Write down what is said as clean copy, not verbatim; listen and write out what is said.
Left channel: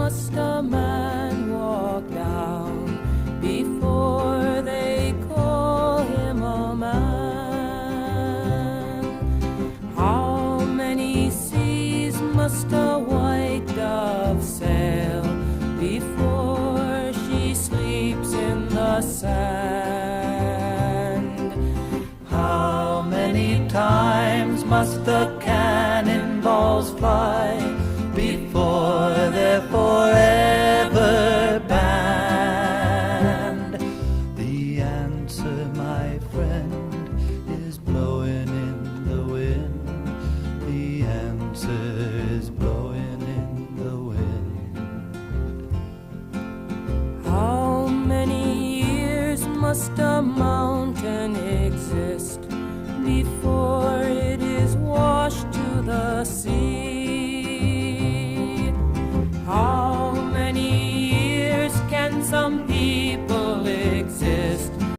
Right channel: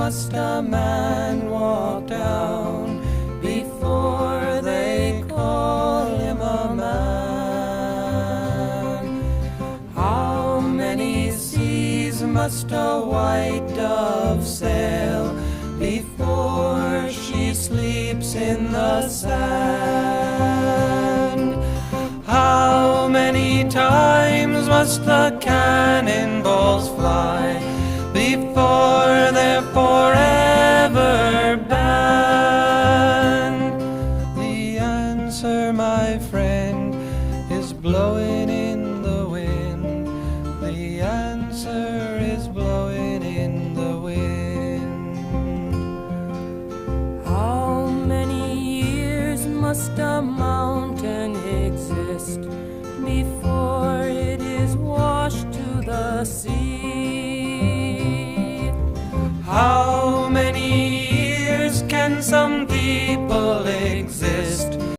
must a man walk down before they call him a man? How many seas must a white dove sail before she sleeps in the sand? How many times must the cannonballs fly before they're forever banned? The answer, my friend, is blowing in the wind. The answer is blowing in the wind. How many years must a mountain exist before it is washed to the sea? How many years can some people exist